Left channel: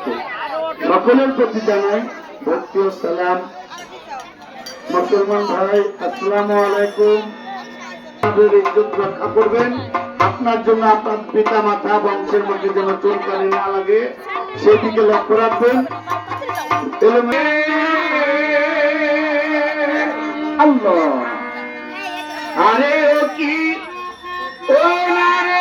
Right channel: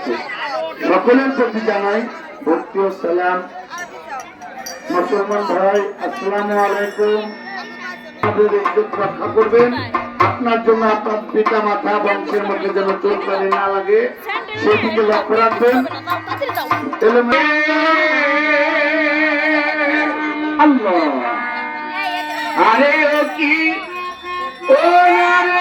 আছে। সকলের প্রতি জানাই ভক্তি ও সালাম। মুসলমান ভাই, আসসালামু আলাইকুম। আমাদের ইজ্জত রক্ষা করবেন। আপনার জন্য আপনার পিতা মাতা বংশের মধ্যে যেন চোর কারে না লাগে, সেদিকে লক্ষ্য রাখবেন। আল্লাহ, আরে ও কি ও আরে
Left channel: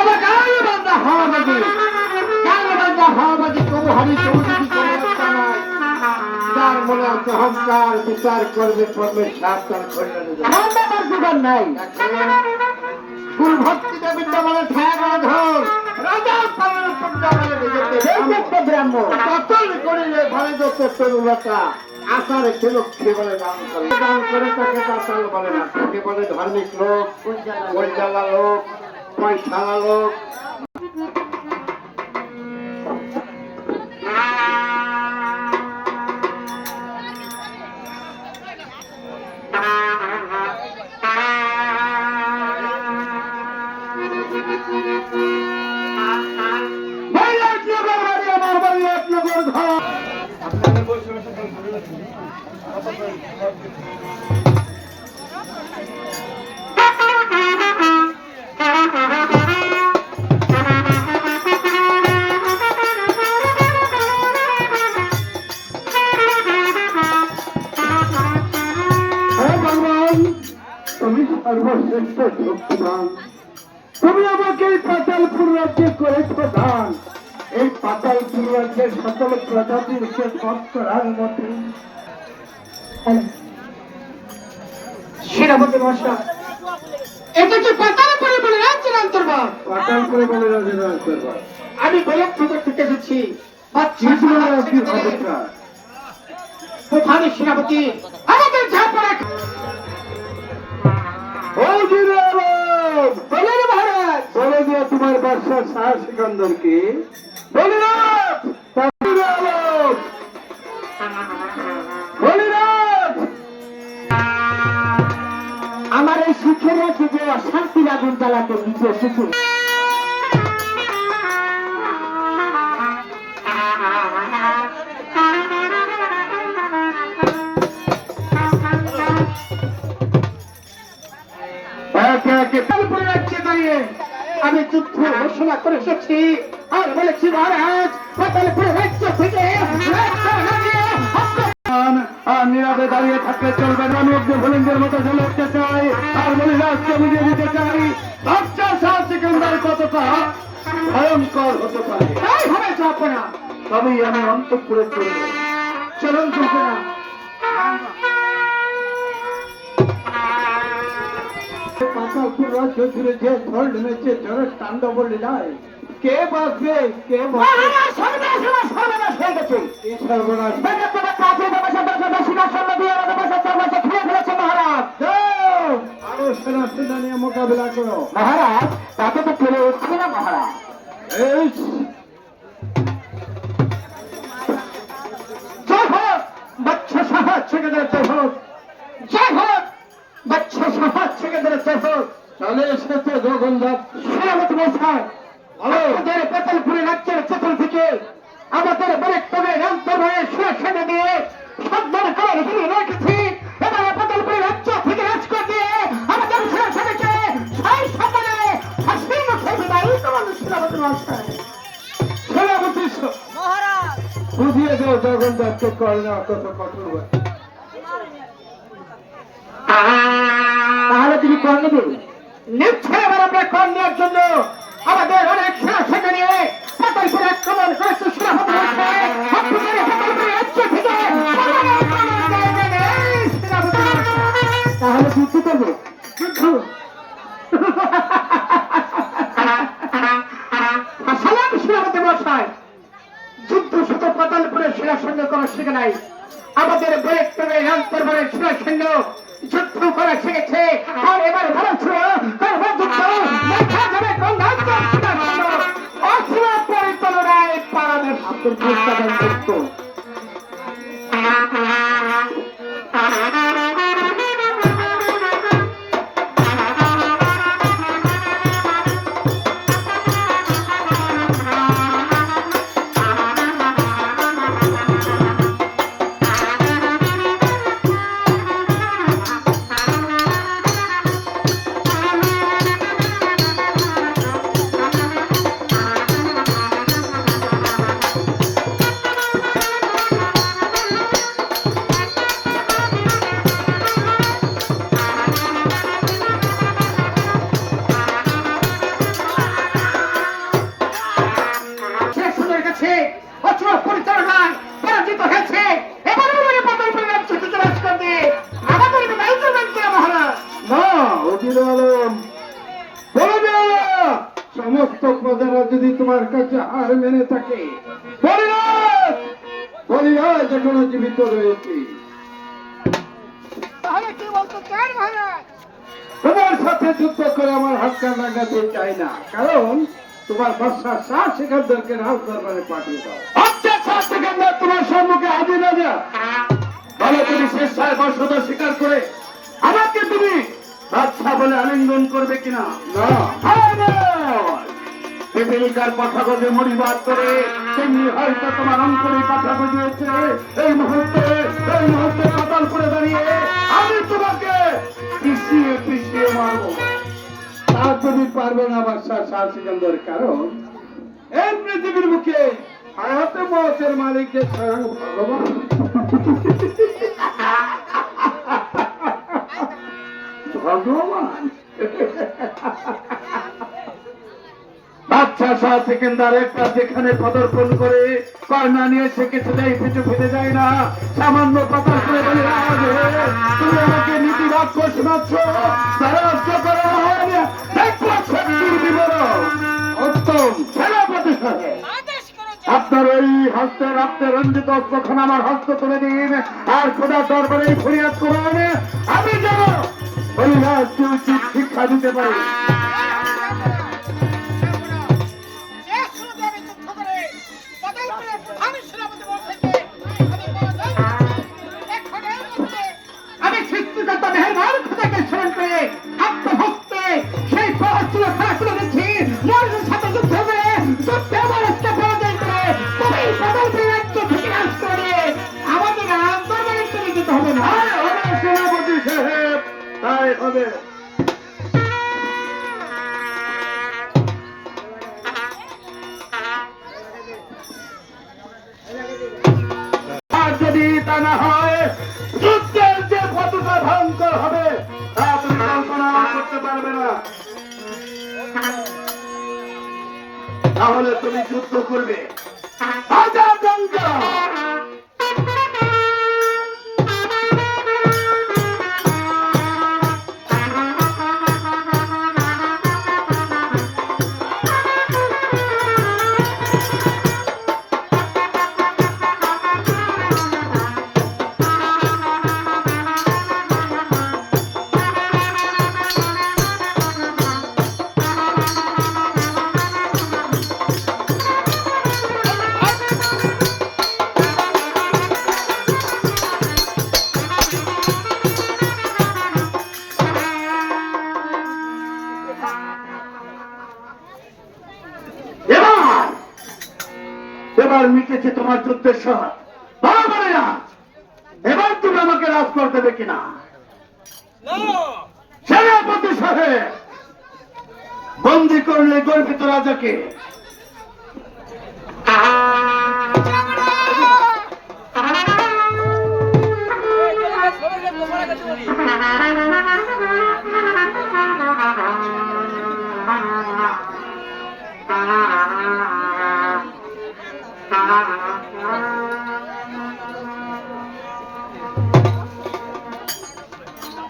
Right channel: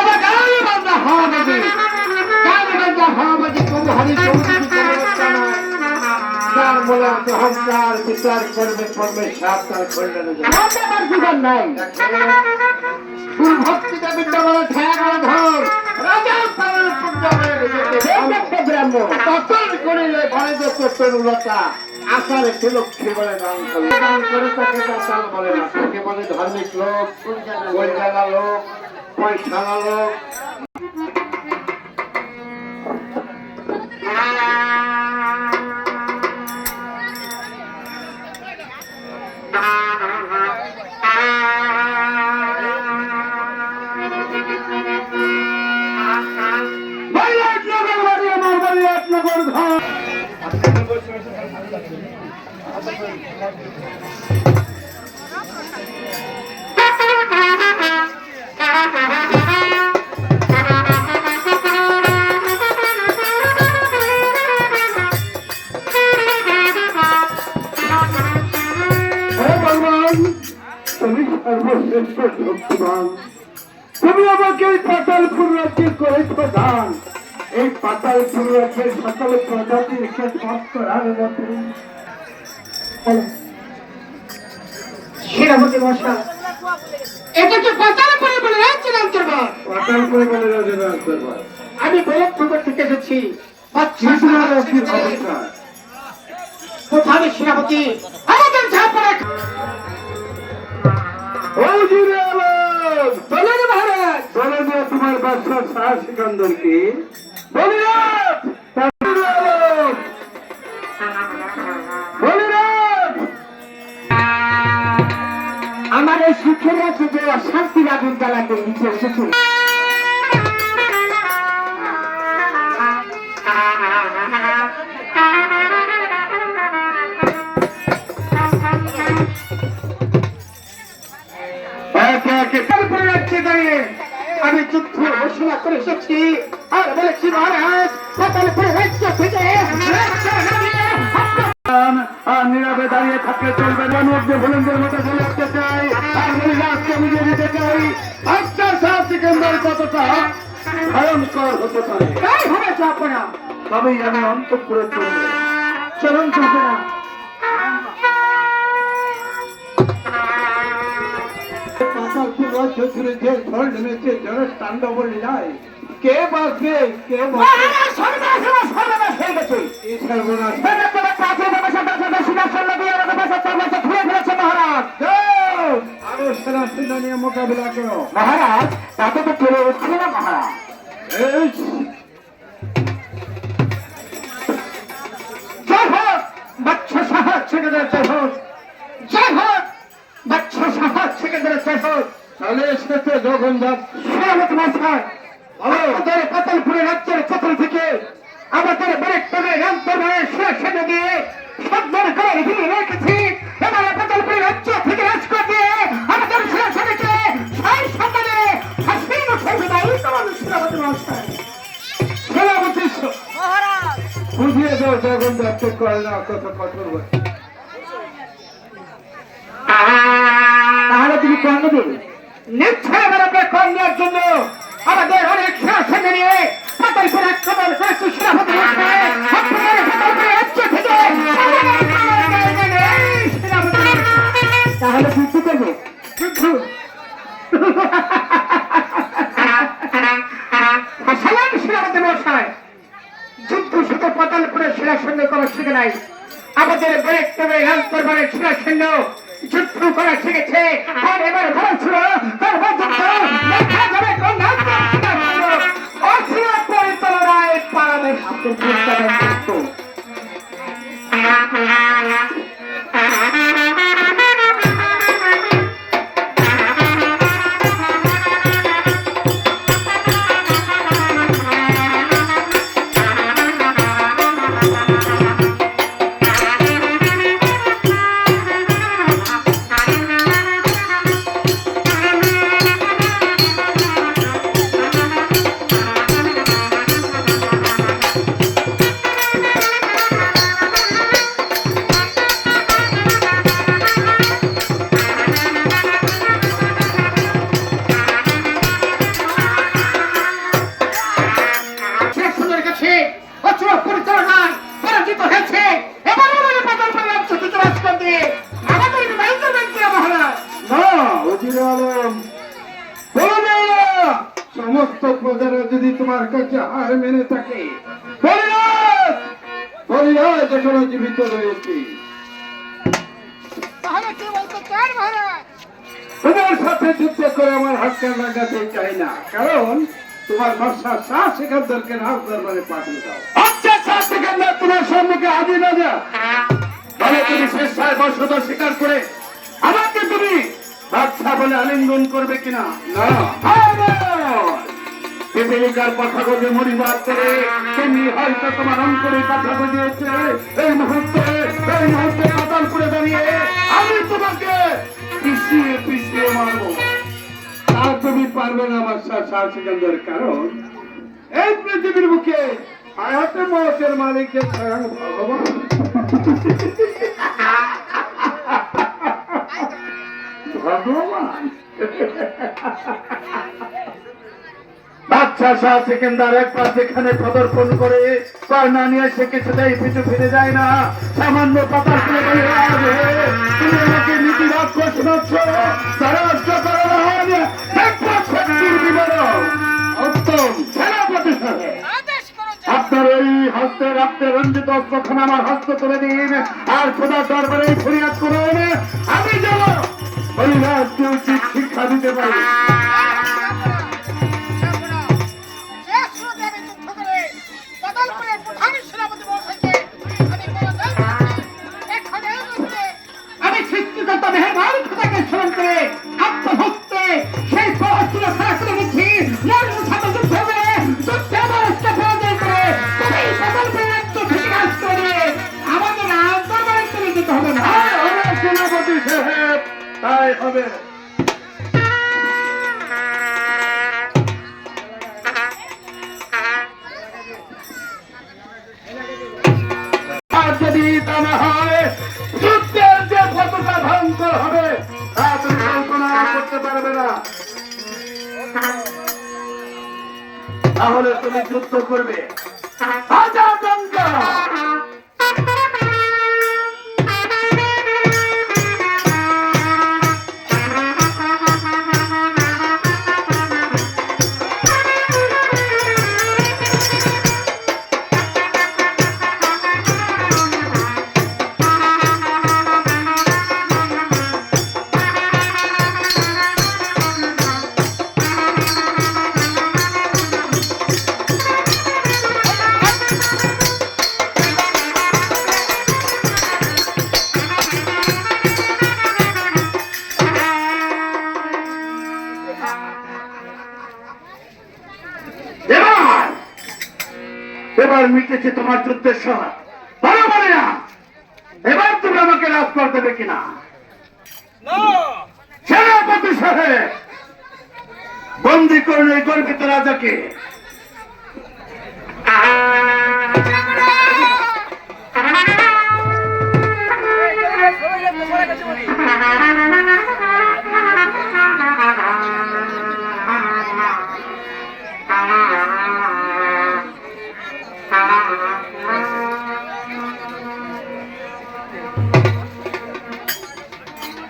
বাবা গায়ে বান্ধা হাওয়াবাজি, গায়ে বান্ধা হাওয়াবাজি কোনো হারি চৌধুরী কোনো একটা নয়। তার বলে অহংকার বিচার করবে করবে সাবধান করবে না নাই ফুল ভক্তিটা বিদ্যালয়ে ঠেকা ধর রাজার পালন ব্রাহ্ম ততল করিলে ঘরে তরুলতা আকার ছিল বলে দান করে তাকে পাতাল বলে না, তাকে বলে ধার্মিক লোক, গোলজালা লোক, পয়সালা লোক। তুমি সর্বশ্রেষ্ঠ শক্তিমান, তুমি আমাকে এই পাতালপুর রাজ্যে করেছ দান। এই পাতালপুর রাজ্যের সকল প্রজাতির সেনাপতি মশাই, এটা তো পাতালপুরে বলে রাজ্যের অন্তর্ভাগ। পাতালপুরে বলে রাজ্যের অন্তর্ভাগ। আমি গোলকপুর থেকে এসেছি। কোথায় সেনাপতি আমাদের ঝাপড়া তোমার বাদশাহ শাহ সিকান্দর কি আমার এই শিক্ষের আছে যে অশান্তির আগুন জ্বালাতে নিচে এসেছে। আমি যুদ্ধ ঘোষণা করে এসেছি আর বলেছি মহারাজ পাতালপুরে রাজ্য থেকে নীরবে দাঁড়িয়ে থাকলে চলবে না, মধ্যে ভুলেন্দের মতো ঝুলতে চাই আর বলি রাজকে বুঝিয়ে দিতে চাই বাচ্চা শাহ সিকান্দার কতটা ভয়ঙ্কর হতে পারে। তাই হবে চাপ না, তবেই আমি অন্তঃপুরে চলবো। চলুন চলবে না। পাতালপুর রাজ্য জুড়ে যে ঝড় নেমেছে, ঝড়ের তাণ্ডব লীলায় কে বাঁচবে কে সর্বনাশ হয়ে গেছে। সর্বনাশ আরো সেনা সেনা নিয়ে মোকাবিলা করো মহারাজ। তাকে তো চলে উঠছে না মহারাজ। জয় হোক বাচ্চা সাহস ছেলেদের জয় হোক, জয় হোক বাচ্চা সাহস ছেলেদের জয় হোক। তাহলে এসেছে জগন্নাথ সেনাপতি মশাই, আমাদের পাতালপুরের রাজ্যের চতুর থেকে আমাদের বরেক্টমে রামপুরের সেনা দিয়ে সম্মান করে ঘিরে রেখেছি। এবার পাতালপুরের রাজ্য থেকে রাজকোট দিয়ে আমাদের সেনাকে সেই সম্মানে হাসিন করবে না। এই তোমার সেনাপতি মশাই, সেনাপতি মহারাজ বুঝিয়ে দাও জগন্নাথকে করে না কত কঠোর। তাহলে তিনি কর্ণ দেবে নিশ্চয় আবার আমরা কর্ণের জন্য আমাদের অনেক সেনা নিয়ে পাতালপুরে আক্রমণ করেছে সেনাপতি মশাই। তাহলে যুদ্ধ করবে যুদ্ধ সেনাপতি মশাই। যুদ্ধ শুধু পাতালপুরের সেনার সঙ্গে করা শিখে নাই, আমাদের বরেক্টমের রামপুরের সেনার সঙ্গে যুদ্ধ করা শিখেছে। আর এবার বলছিল পরিচালনায় পাড়াদের সমস্ত প্রজারা যদি তোমার কাছে হার মেনে থাকে, হরিরাজ হরিরাজ এখনো জীবিত রয়েছে। তাহলে কি বলতে চান মহারাজ? তোমার সাথে যুদ্ধ করে আমার হাতটা লাগাতে চাই না, কারণ তোমার বাদশা শাহ সিকান্দারকে রাজ দরবারে পাঠিয়ে দাও। আচ্ছা, শাহ সিকান্দার তোমার সম্মুখে হাজির না যা, তাহলে তুমি শেষ সাহেব বর্ষতা স্বীকার করে আমাকে তুমি বাদশা বলে আলিঙ্গন করবে কিনা? না, পিপিলিকার কথা বলে মরিবাদ করে তুমি হয়তো তোমার অঙ্করে কথা বুঝিয়েছে। এই মুহূর্তে পাতাল করে দাঁড়িয়ে আমি তোমাকে পিছিয়ে পিছিয়ে মারবো, তা তুমি পারবে না আমার শাহ সিকান্দার, কারণ এই পৃথিবীর মুখে হায়াত মৌতের মালিককে স্বয়ং ভগবান। ভগবান বাদশা শাহ সিকান্দার একবার যেখানে পদার্পণ করে তার না নিয়ে সে কিছুতেই পিছু ফিরে যায় না। সামান্য পাতাল করে বলে, তুমি আমাকে নীতি বাক্য শোনাচ্ছ, শক্তির বিবরণ উত্তম সেনাপতি সাহেব। আদেশ করো যে আপনার ওই হস্তে রক্তে রঞ্জিত অস্ত্রখান আমার হস্ত তুলে দিন, আর খোদার দরবারে ফরিয়াদ করুন আমি যাব হরিরাজকে উচিত শিক্ষা দিতে পারি। আমি সৃষ্টিকর্তা মেহেরবান খোদাকে স্মরণ করে আত্মভক্তে সেই পরাস্ত্র খারাপ করে গেছি, মরণের সাথে যুদ্ধ করে যুদ্ধে আমার একটা পরাজয় করে তুমি বদলপুর রাজ্য থেকে রাজ করে আমাদের রাজ দরবারে চলে যেতে হবে না। সেনাপতি সাহেব, তাই হবে। আর যদি তা না হয়, যুদ্ধের যে কতটা ভয়ঙ্কর হবে তা তুমি কল্পনা করতে পারবে না। তাহলে তুমি যুদ্ধ করবে হাজার গঙ্গা। এবার মিটেছে তোমার যুদ্ধের সময়, বরাবর না। এবার তুমি আমাকে রাজ করতে দেবে কিনা? সেনাপতি সাহেব, বন্দি করলে গর্বিত রাজাকে।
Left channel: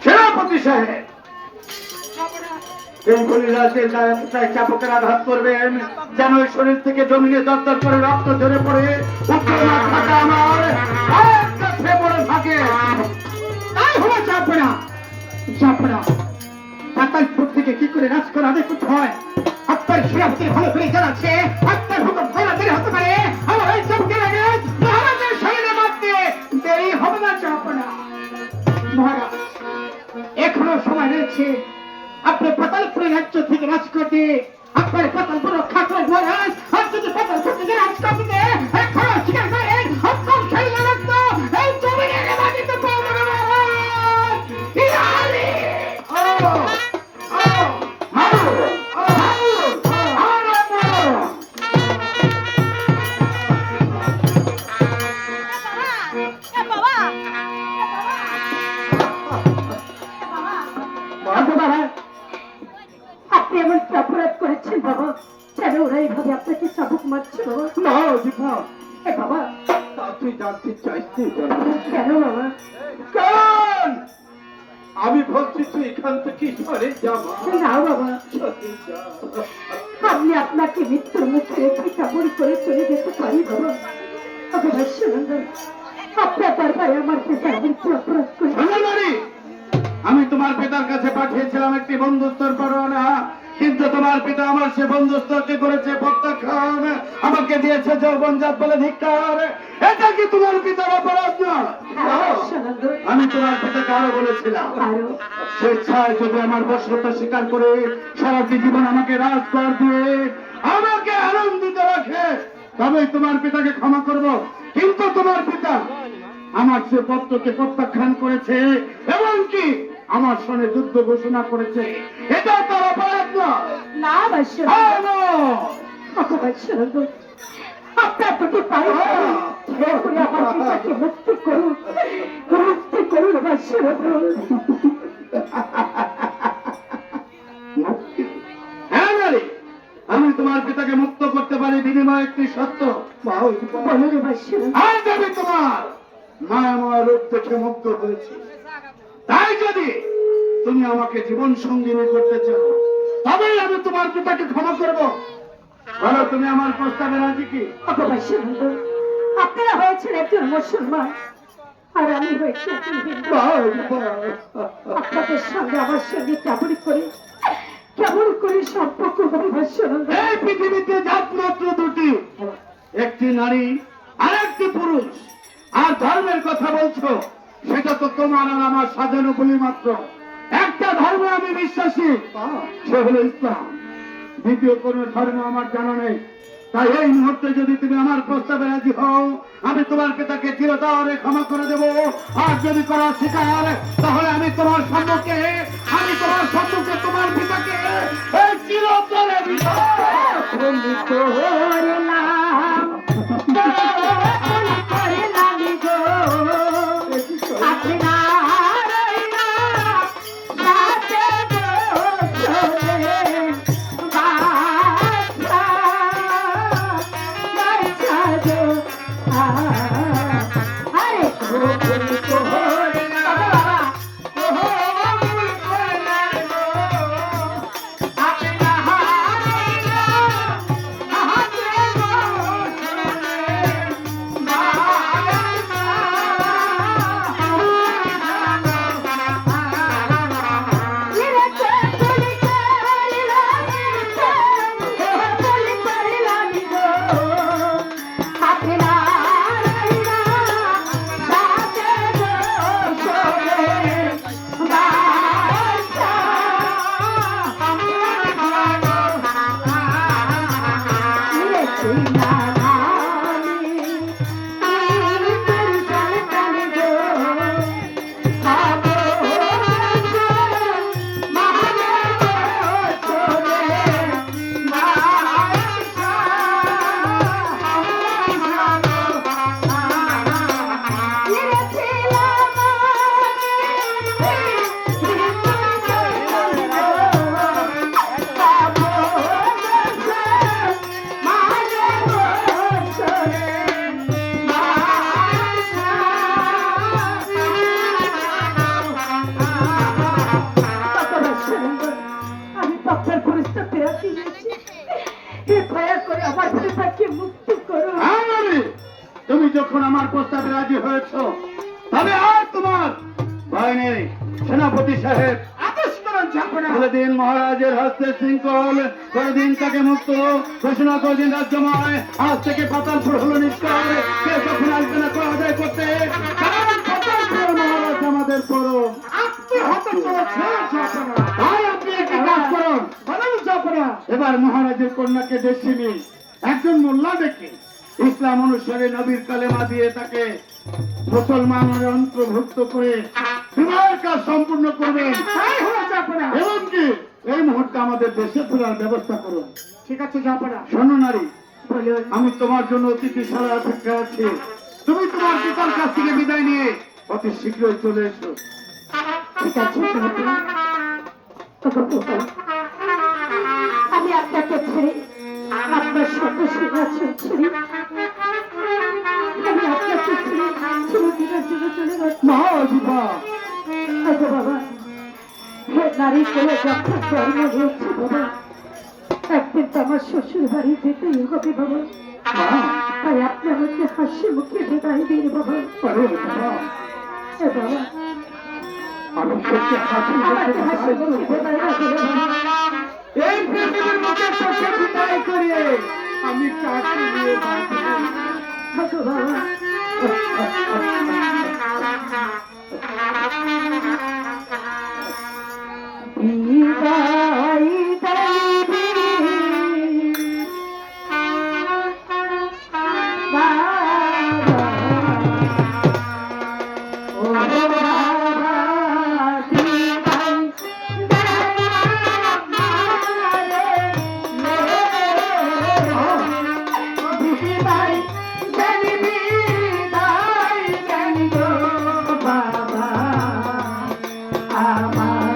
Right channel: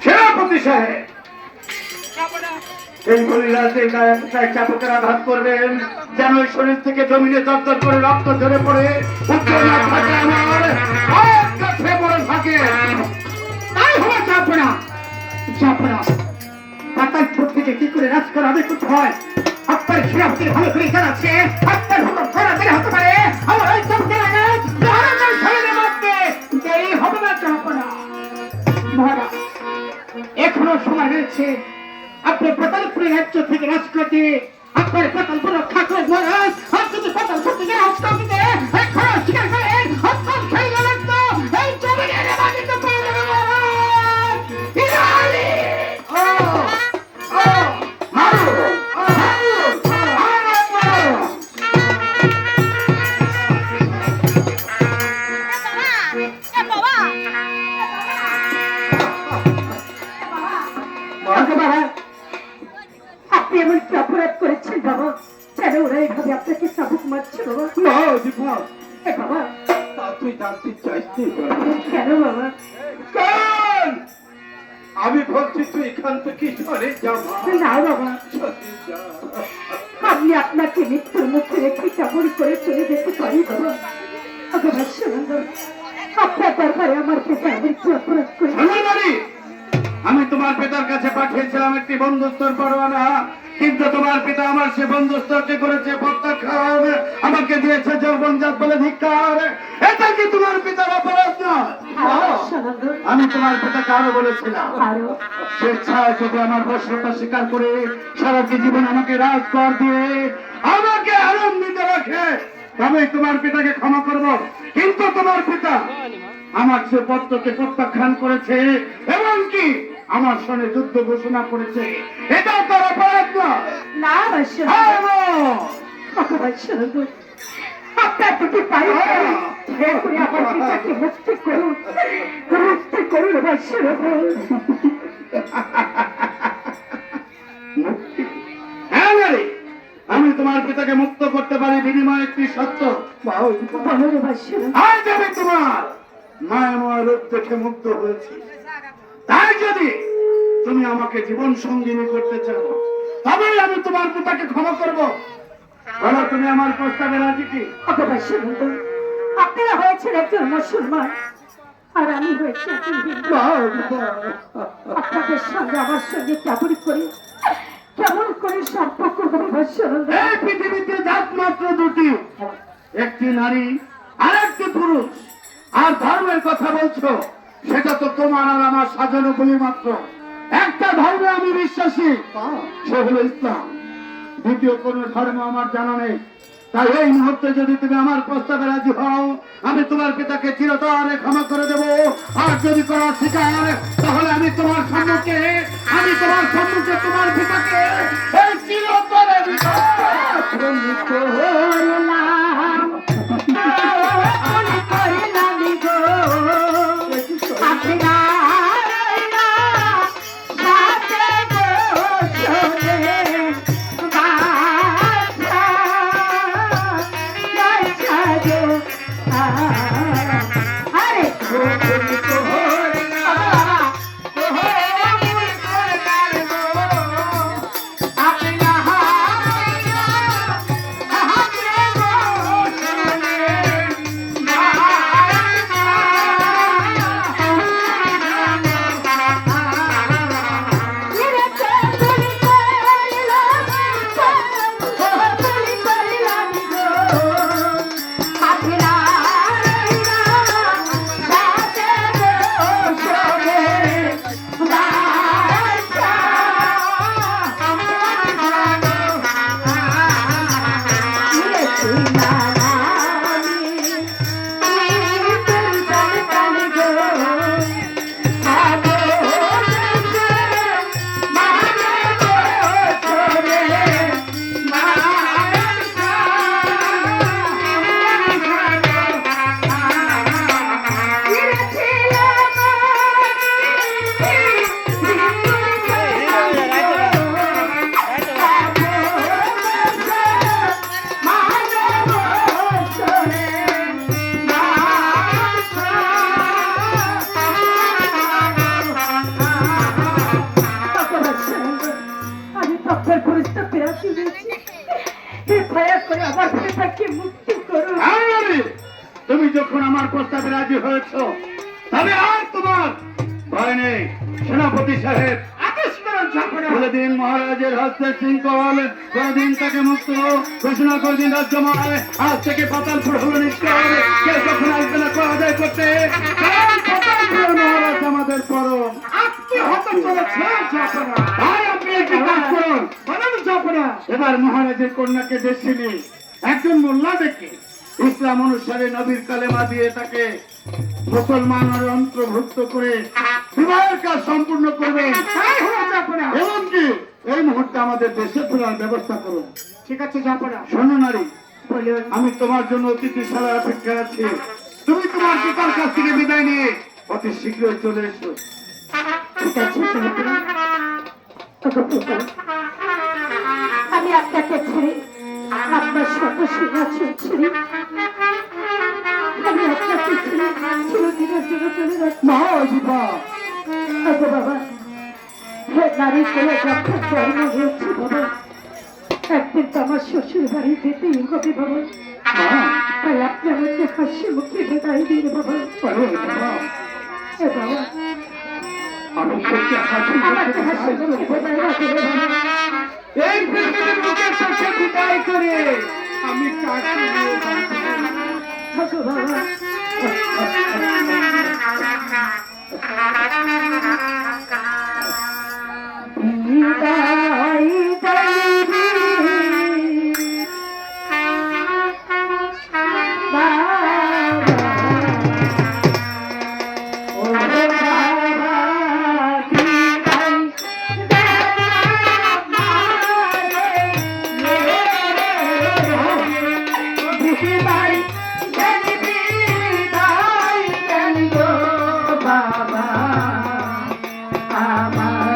সেনাপতি সাহেব, এই বলিরাজের গায়ে চাপকের আঘাত করবেন, যেন ওই শরীর থেকে জমিনে দরদর করে রক্ত ঝরে পড়ে উত্তর না থাকা আমার আর কাছে বড় থাকে। তাই হওয়া চাপে না, চাপে না। পাতাল ছোট থেকে কি করে রাজ করা হবে করতে হয় আপনার সেনাপতির ভালো করে জানাচ্ছে। আপনার হুকুম করা দেরি হতে পারে, আমার ওই সব মহারাজের শরীরে মারতে দেরি হবে না, চাপে না। মহারাজ, এখনো সময় রয়েছে, আপনি পাতালপুর রাজ্য থেকে রাজ করতে আপনার পাতালপুর রক্ষা করে মহারাজ। আর যদি পাতালপুর থেকে রাজ করতে এখনো স্বীকার করেন আপনার শরীরে রক্ত এই জমিনের মাটিতে পড়বে না। ইরানি আপনি এমন কি অপরাধ করেছেন বাবা? কেন ওরা এইভাবে আপনাকে চাবুক মারছিল? না এ বাবা, তা তুই জানতে চাইছি কেন বাবা? কারণ আমি বলছি তুই এখান থেকে চলে যাবা। না বাবা, আপনি আমি আপনাকে মৃত্যুর মুখে রেখে কেমন করে চলে যেতে পারি বাবা? অবশ্যই আপনার দরবারে আমার পিতা মৃত্যু অপরাধ করে সোনামারি, আমি তোমার পিতার কাছে পাঠিয়েছিলাম একটি বন্ধুত্বর পরোয়ানা, কিন্তু তোমার পিতা আমার সে বন্ধুত্বকে করেছে প্রত্যাখ্যান, আমাকে দিয়েছে যৌবনজাত বলে ধিক্কার। এটা কি তোমার পিতার অপরাধ নয়? আমি তোমার পিতাকে আরো বলেছিলাম, স্বেচ্ছায় যদি আমার বর্ষতা স্বীকার করে সারাটি জীবন আমাকে রাজকর দিয়ে আমাকে আনন্দিত রাখে, তবেই তোমার পিতাকে ক্ষমা করব। কিন্তু তোমার পিতা আমার সে পত্রকে প্রত্যাখ্যান করেছে এবং কি আমার সঙ্গে যুদ্ধ ঘোষণা করেছে। এটাও তার অপরাধ নয়। না বাসা আপনার দুটি পায়ে দয়া করে আমার পিতাকে মুক্তি করুন, মুক্তি করুন বাসা। হ্যাঁ নারী, আমি তোমার পিতাকে মুক্ত করতে পারি বিনিময়ে একটি সত্য। বলুন বাসা। আজ আমি তোমার মায়াময় রূপ দেখে মুগ্ধ হয়েছি, তাই যদি তুমি আমাকে জীবন সঙ্গিনী করতে চাও তবেই আমি তোমার পিতাকে ক্ষমা করবো। বলো, তুমি আমার প্রস্তাবে রাজি কি? আপনারা হয়েছেন একজন মুসলমান আর আমি হয়েছি একজন হিন্দু। আপনাদের সঙ্গে আমার সঙ্গে কেমন করে সম্পর্ক হবে? এই পৃথিবীতে জাত মাত্র দুটি, একটি নারী আর একটি পুরুষ। আর ধর্মের কথা বলছো, সেটা তো তোমার আর আমার সাজানো বলি মাত্র। একটা ধর্মে আমি বিশ্বাসী, সে হলো ইসলাম। দ্বিতীয় কোন ধর্ম আমার জানা নেই। তাই এই মুহূর্তে যদি তুমি আমার প্রস্তাবে রাজি হও, আমি তোমার পিতাকে চিরতরে ক্ষমা করে দেব। আর যদি করা স্বীকার, তাহলে আমি তোমার সম্মুখে তোমার পিতাকে এই চিরতরে তুমি যখন আমার প্রস্তাবে রাজি হয়েছ, তবে আর তোমার ভয় নেই। সেনাপতি সাহেব বলে দিন মহারাজের হস্তে শৃঙ্খল, কোনদিন তাকে মুক্ত ঘোষণা করে দিন রাজ্যময়। আজ থেকে পাতালপুর হল নিশ্চয়, কেউ যখন আসবে না কর আদায় করতে। মহারাজ আমাদের পরম। আপনি একটি কাজ করুন, এবার মহারাজের কন্যাকে দেশিনী একজন মোল্লা দেখে ইসলাম অনুসারে নবীর কালেমা দিয়ে তাকে মুসলমানের অন্তর্ভুক্ত করে বিবাহের কাজ সম্পূর্ণ করবেন। এবং কি এই মুহূর্তে আমাদের দেশে ফেরার ব্যবস্থা করুন। ঠিক আছে জাপানা। শোনো নারী, আমি তোমার জন্য অতিথিশালায় অপেক্ষা আছি। তুমি তোমার পিতার কাছ থেকে বিদায় নিয়ে অতি শীঘ্রই চলে এসো। ঠিক আছে জাপানা। আমি আপনাকে ছেড়ে আপনার শত সিংহাসন ছেড়ে আমি আপনাকে ছেড়ে চিরদিনের জন্য চলে যাচ্ছি। বাবা, হে নারী করে যখন জন্ম হয়েছে বাবা, একদিন তো আমার শ্বশুর বাড়ি যেতেই হবে বাবা। তাই আপনি আমাকে হাসি মুখে বিদায় দিন বাবা। আরে বাবা, এ বাবা, আমি তোকে হাসি আমাকে হাসি মুখে মুখে বিদায় না দিলে বাবা। এই পৃথিবীর মুখে তোকে বিদায় করে আমি কাকে নিয়ে বাঁচব? থাকো বাবা। বিদায় জানিবি বাবা, ও বাবা, বিদায় জানিবি বিদায় জানিবি বাবা আমার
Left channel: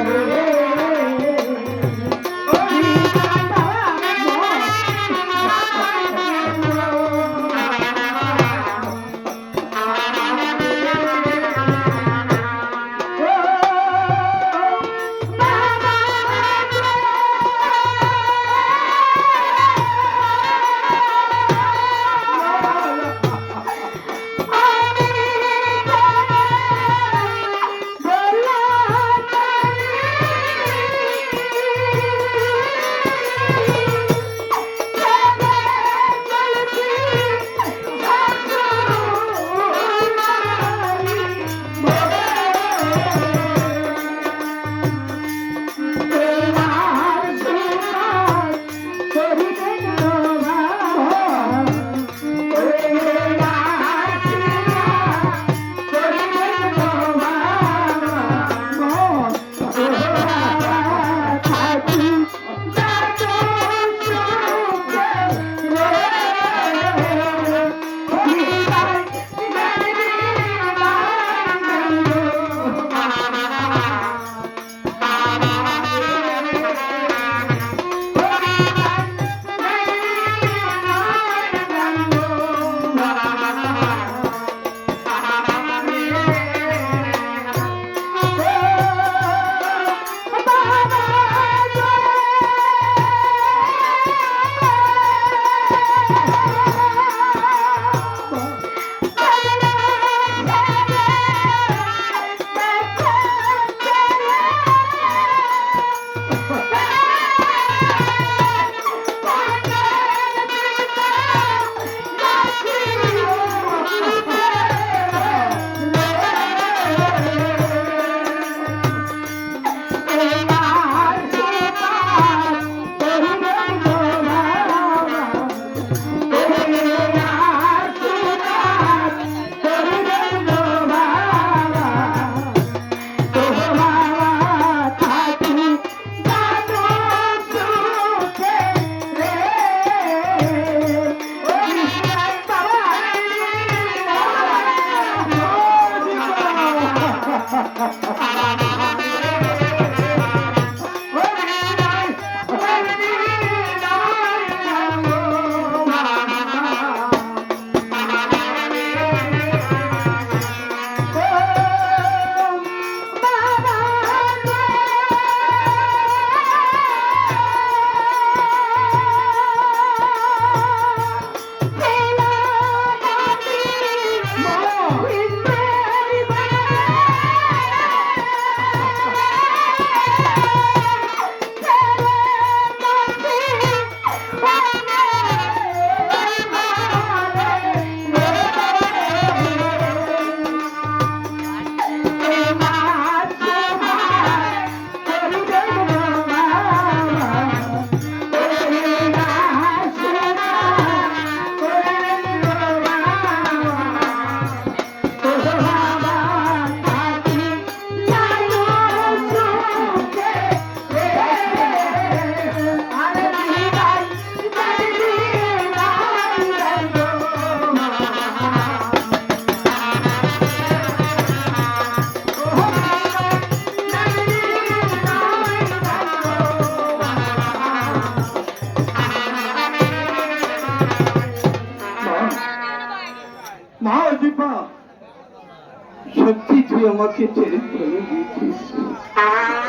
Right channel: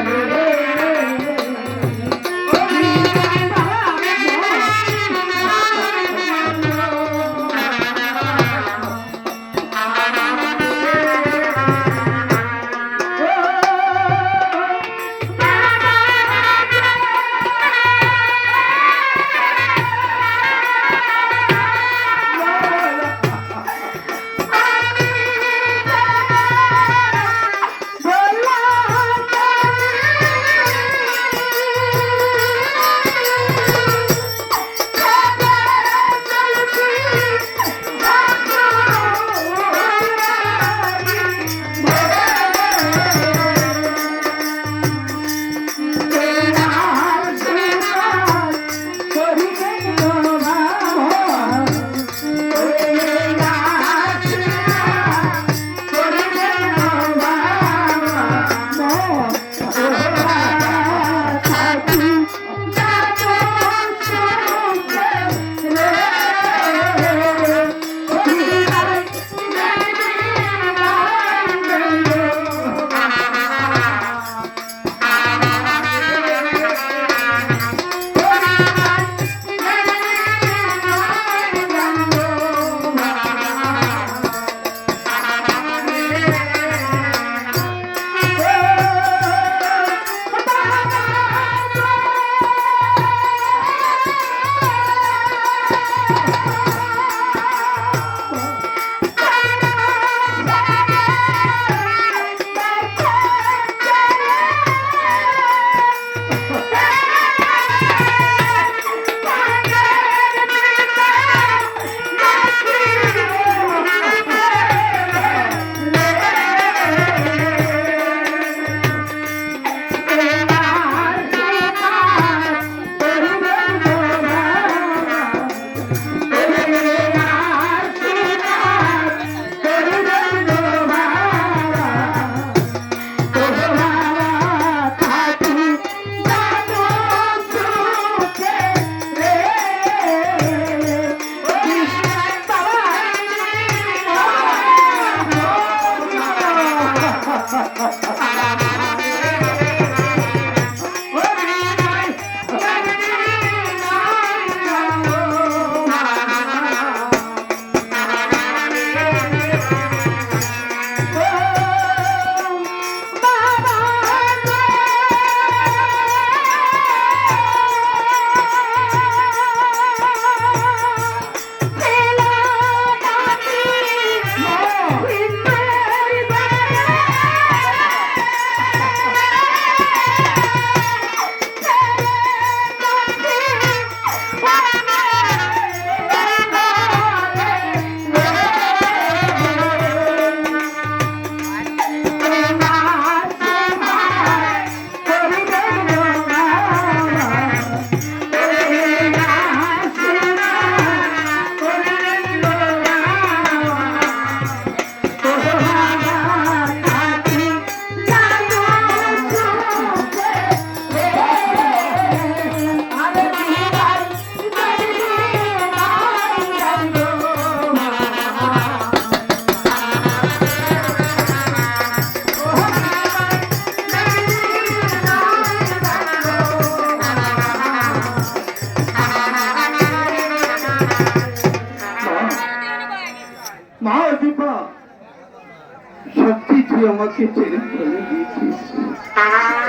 সত্যি তুই আমাকে ছেড়ে চলে গিয়েছিস।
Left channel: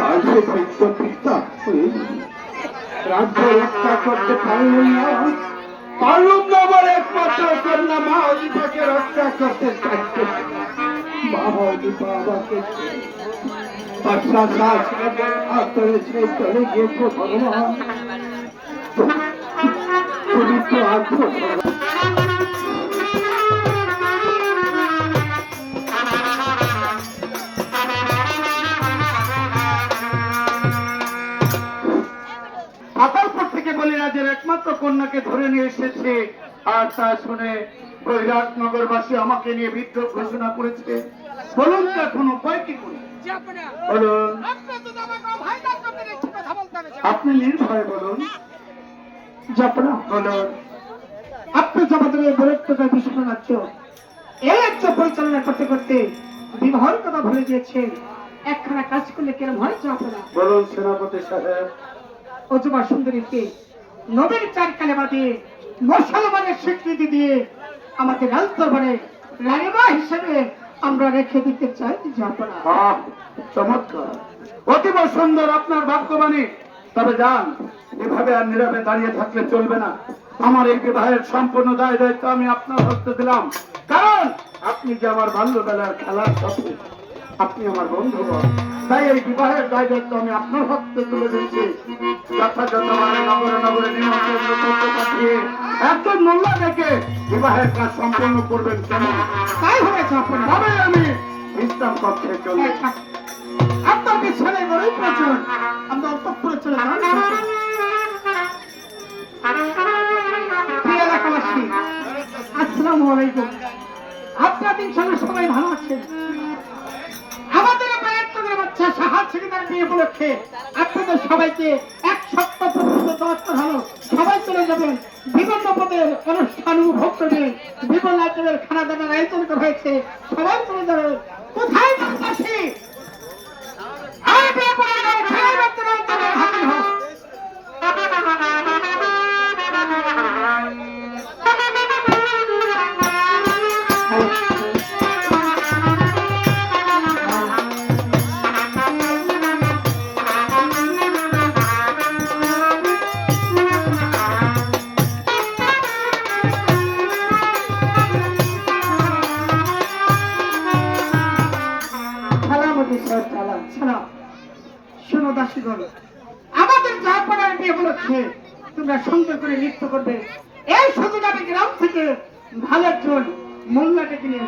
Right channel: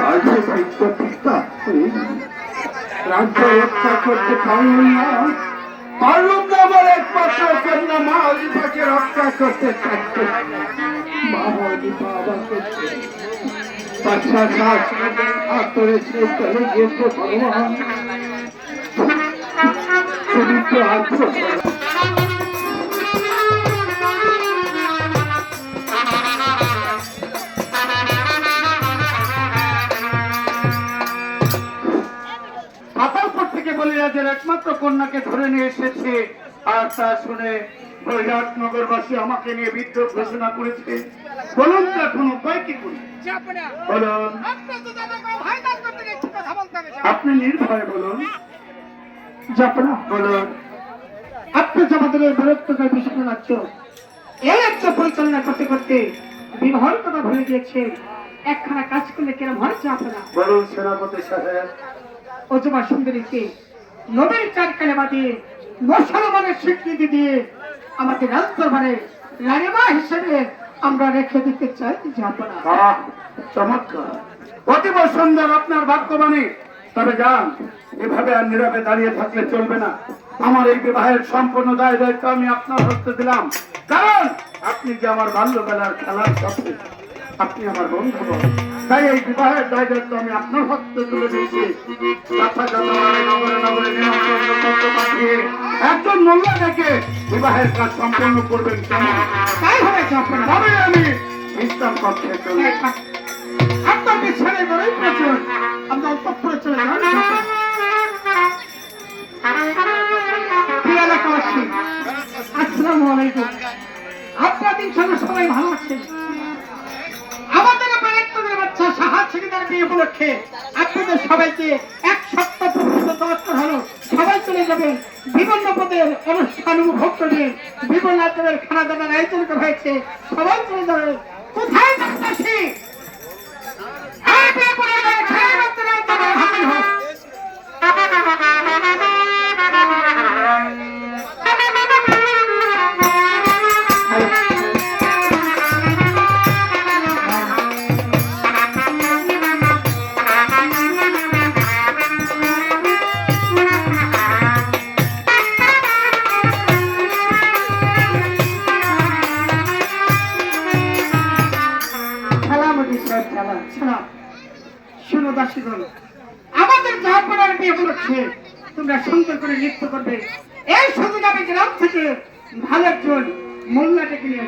আজ যে পিতা হয়ে রাজ্য রক্ষা করতে পারলাম না আমার একমাত্র কন্যা মা দীপাকে রক্ষা করতে থাকতে বাবা দীপা বাবাকে বাচ্চা শাসনের হাত ধরে সে চলে গিয়েছে ভগবান তুমি তো আছো পাতালপুর থেকে বলিরাজের একমাত্র কন্যাকে ধরে নিয়ে এসেছে আর তা শুনে বৈরাটনগরবাসী আমাকে নিয়ে বিদ্রোহ ঘোষণা করেছে বলুন তো এখন উপায় কি করি যাপনা বলুন আপনি তো আমাকে ভাই দান করতে গেছি কথা বলতে হবে আপনি নির্ভয় বলুন যাপনা বলুন আপনি আমাদের বিরক্তকর বিষয় রাজ্য এই রাজ্য পরিচালনা করতে করতে বিবাহের কথা ভুলে গিয়েছে একখানা কাজ করলে কেন হয় যাপনা বলুন সেনাপতি সাহেব অজবা সুন্দরীকে নবীর চার কালেমা দিয়ে মুসলমানের স্বীকৃতি দিয়ে আমাকে রাজদরবারে রানীমা হিসেবে আমরা রেখে দিতে চাই যাপনা চমৎকার অতীব সুন্দর আপনার বাক্যবাণী তবে যান এভাবে আর নীরবে দাঁড়িয়ে থাকলে চলবে না আমার এই বিবাহের সম্পূর্ণ দায় দায়িত্ব আমি আপনার হস্তে দিলাম কারণ আপনি যে আমার বাল্যবেলার খেলার পথে আপনি আমার বন্ধু তাই এই বিবাহের দায় দায়িত্ব আমি আপনার হস্তে তুলে দিয়েছি যথাযথ নগরে নিমন্ত্রণ পাঠিয়ে একজন মোল্লা ডেকে বিবাহের কাজ সম্পন্ন করবেন কেমন তাই হয়েছে আপনার আমি ইসলাম পক্ষে চলে আপনার পিছনে গড়ে প্রচুর আমরা অল্পপুরে চলে যাই এলাকাবাসী আসসালামু আলাইকুম আপনাদের সবাই ভালো আছেন আমাদের বাচ্চাদের বাচ্চা সাহায্য ছেলেদের বিয়ে উপলক্ষে আপনাদের সবাইকে এক সপ্তাহ পর্যন্ত দরকার হলো সবাই চলে যাবেন বিভিন্ন পদের অনুষ্ঠান উপভোগ করবেন বিভিন্ন রাজ্যের খানা দানার আয়োজন করা হয়েছে সবাই চলে যাবে কোথায় যাচ্ছি আর বিয়ে করে ছেলে বাচ্চারা তোমার হাতে হোক আমাদের জাহাপনার বিয়ে উপলক্ষে তোমরা সুন্দর করে নৃত্য করবে এই সুযোগ আমি গ্রাম থেকে ভালো একজন মহিলা ডেকে নিয়ে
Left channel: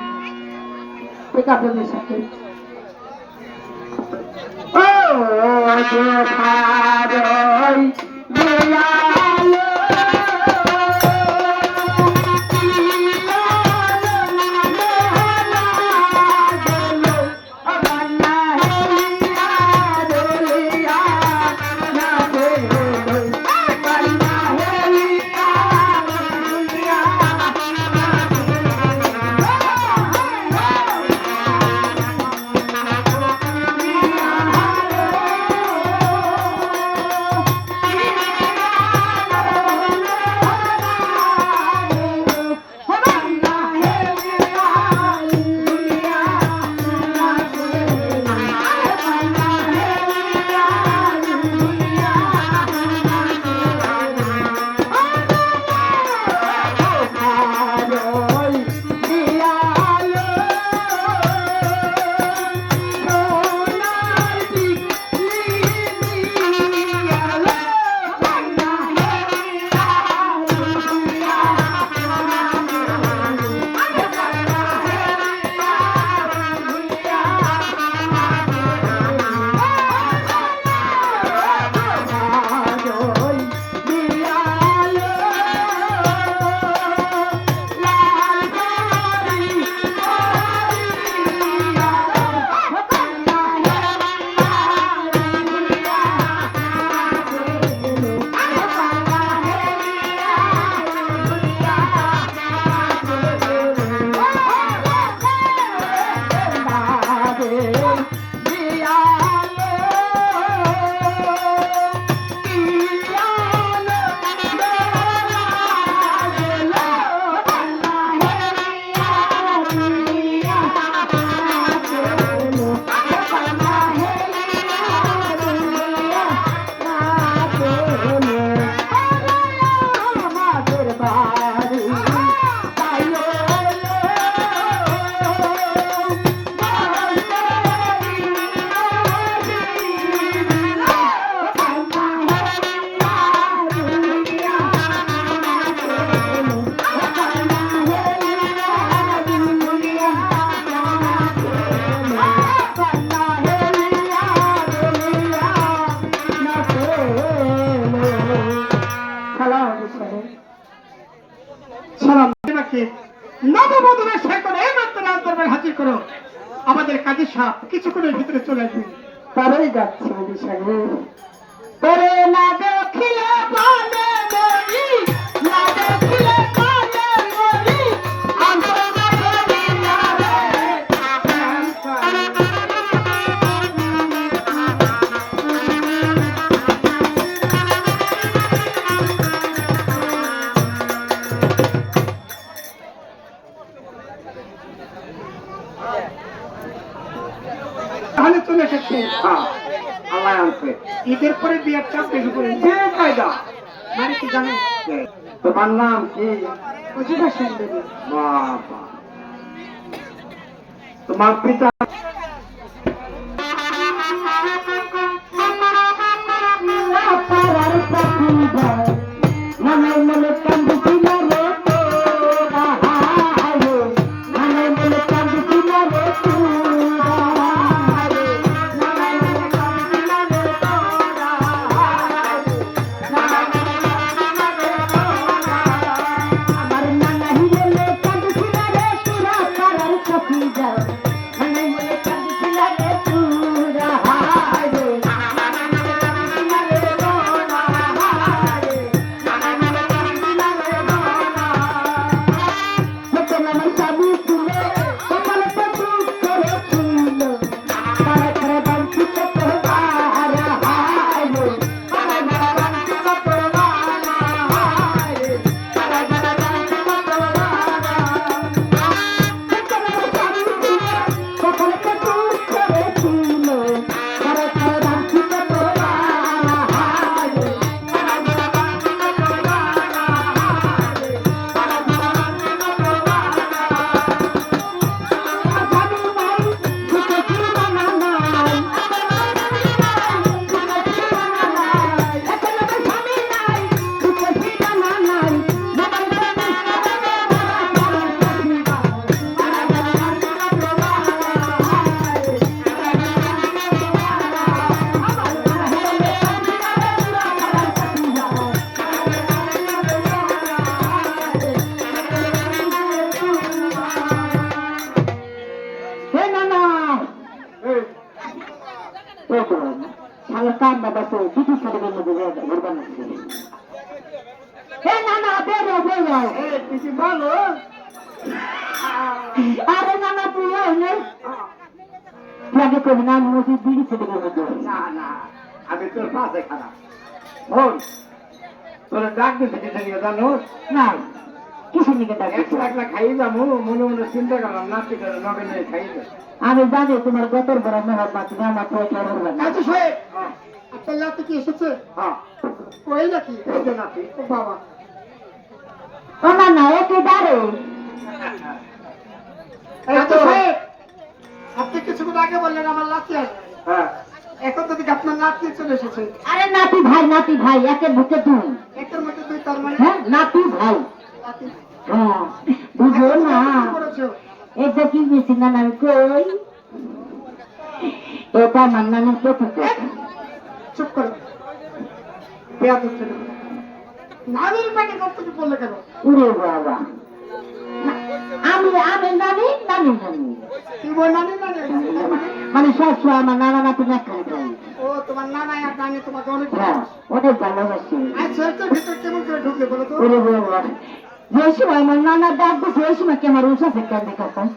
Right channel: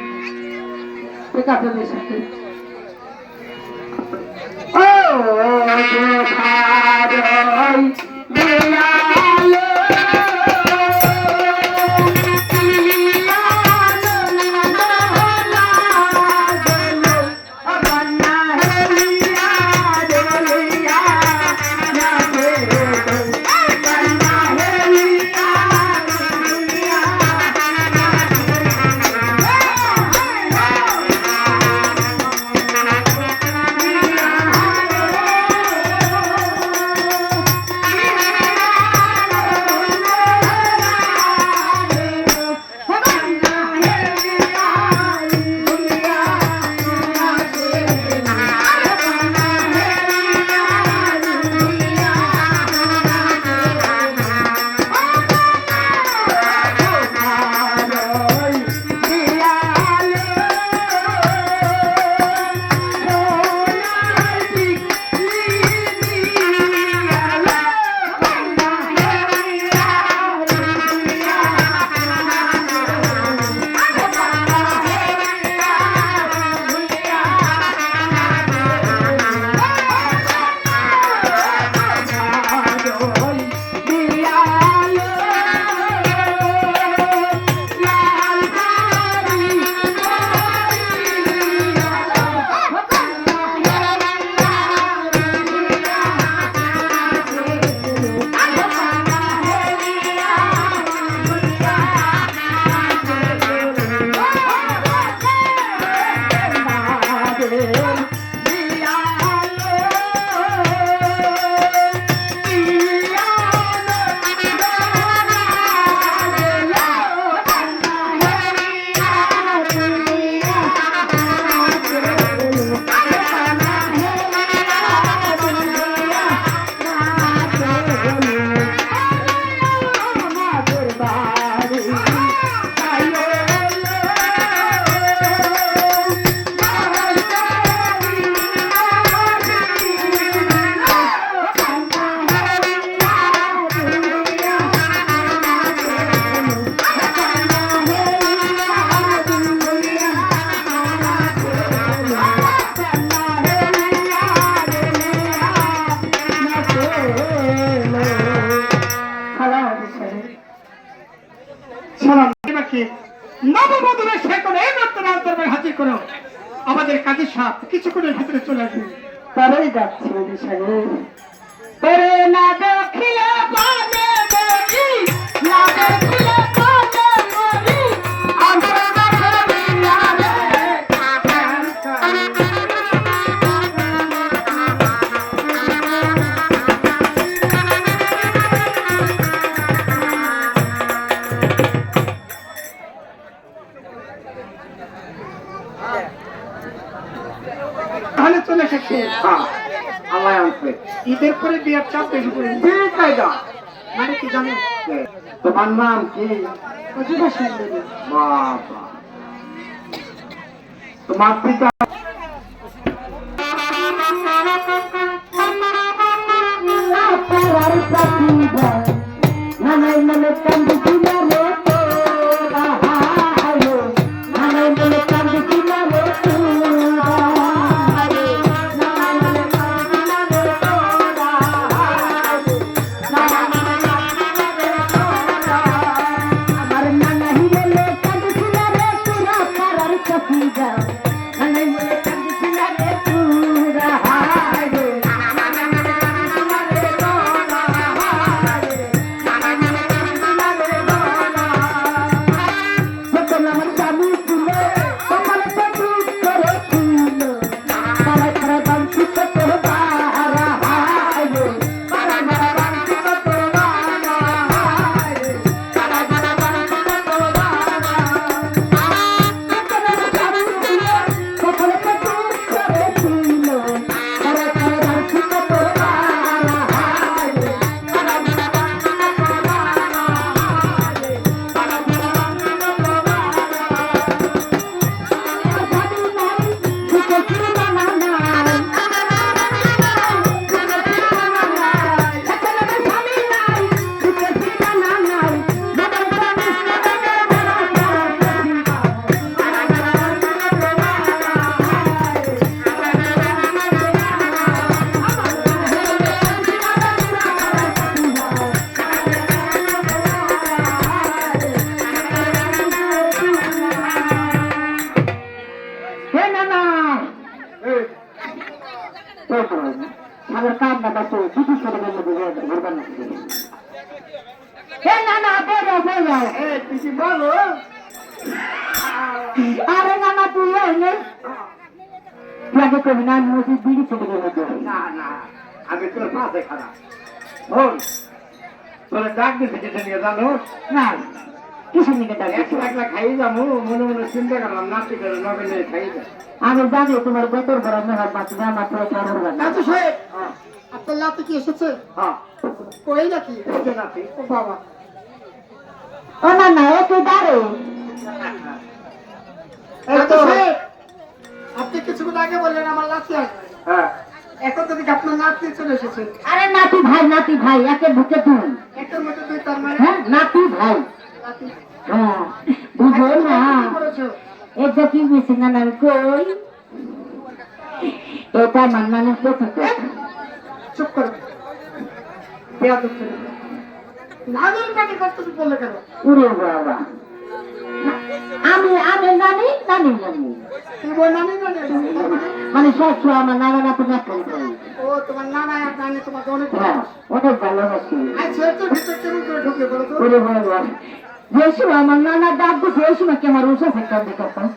সাক্ষী নববধূরা সে কোনো এইমাত্র রাজদরবারে হাজির করো। আমাদের কাজী সাহেব কিছুক্ষণের ভিতরে চলে আসবে। তারাই যাচ্ছে বিশালে তোরে না দেখিলে বলে মরি না দেখিলে বলে মরি আমার বাসরি না তাহলে চলে এসেছে। হ্যাঁ, আল্লাহ আনছে। ঈদের পরে বিয়ার চাপ বেশি করে বিয়ে কায়দা। মানে কি জানো? তোমার নাম কি? প্রতিভা সুন্দরী বাবা, তোমার পিতা আপনার প্রতিভা মনে মনে কান্দি না রে তোরা হায় মনে মনে কান্দি না রে তোরা হায় মনে মনে কান্দি না রে তোরা হায় মনে মনে কান্দি না রে তোরা আমার নানা হিলে কান্দি না রে তোরা পারার প্রতিভা মনে মনে কান্দি না রে তোরা হায় কান্না বাসো দিদি ছেলে মেয়ে ঘুরবার লাগছে হে না না বেরো বেরো পিসি বলো। আরে না না তুই এনে তুই আগে কবি না মসজিদ দিদি ছেলে মেয়ে না না, আমি তোর পাশে খারাপ। বল, তোর ডাক দিতে যেতে নিয়ে জানো? না কিসের নিকে ডাকছে একলা একলা খাই যাবো, মনে মনে চিন্তা করলাম নাচতে গেলে নগেন খাই যাবো। আমি জানি তোমার গতর বড় মেহর মাছ আমার তো কেন হবে না কাজী সাহেব আপনার লাতে কি এসেছে? হ্যাঁ, কই নাকি? এই যে নাতি। ও বাবা, ও না না একই দাঁড়ে এই তো কাজী সাহেব আপনি কিছুক্ষণ আগে বললেন আমার লাতে আসবে, হ্যাঁ, এখন তো দেখি আপনার নাতি চলে এসেছে। আরে নাতি ভাই একের বুকে তুই এটার মধ্যে দিয়ে তার মানে হ্যাঁ নাতি ভাই নাতি। হ্যাঁ বুঝো না কি করেছো? এটা কি বেশি না না কই এটা মান্না না কে চুপ করো, বেয়াদব ছেলে। নানির পেটে কষ্ট বললে কেন? উড়ে বাবা আমি আমি নানি নানি নানি কি বল নানি নানি? মানে সব সময় আমার নানা নাতি নাতনি করে ও তোমার নানা আর নানি তোমাকে অনেক হ্যাঁ ওদের ভালোবাসি আচ্ছা এত ভিতর কেমন করে ঢুকে বলো তো? উড়ে বাবা যে সময় আমার নানা ডাক দিচ্ছে ওই সময় কি আমার উষা ফেকতাম দেখতাম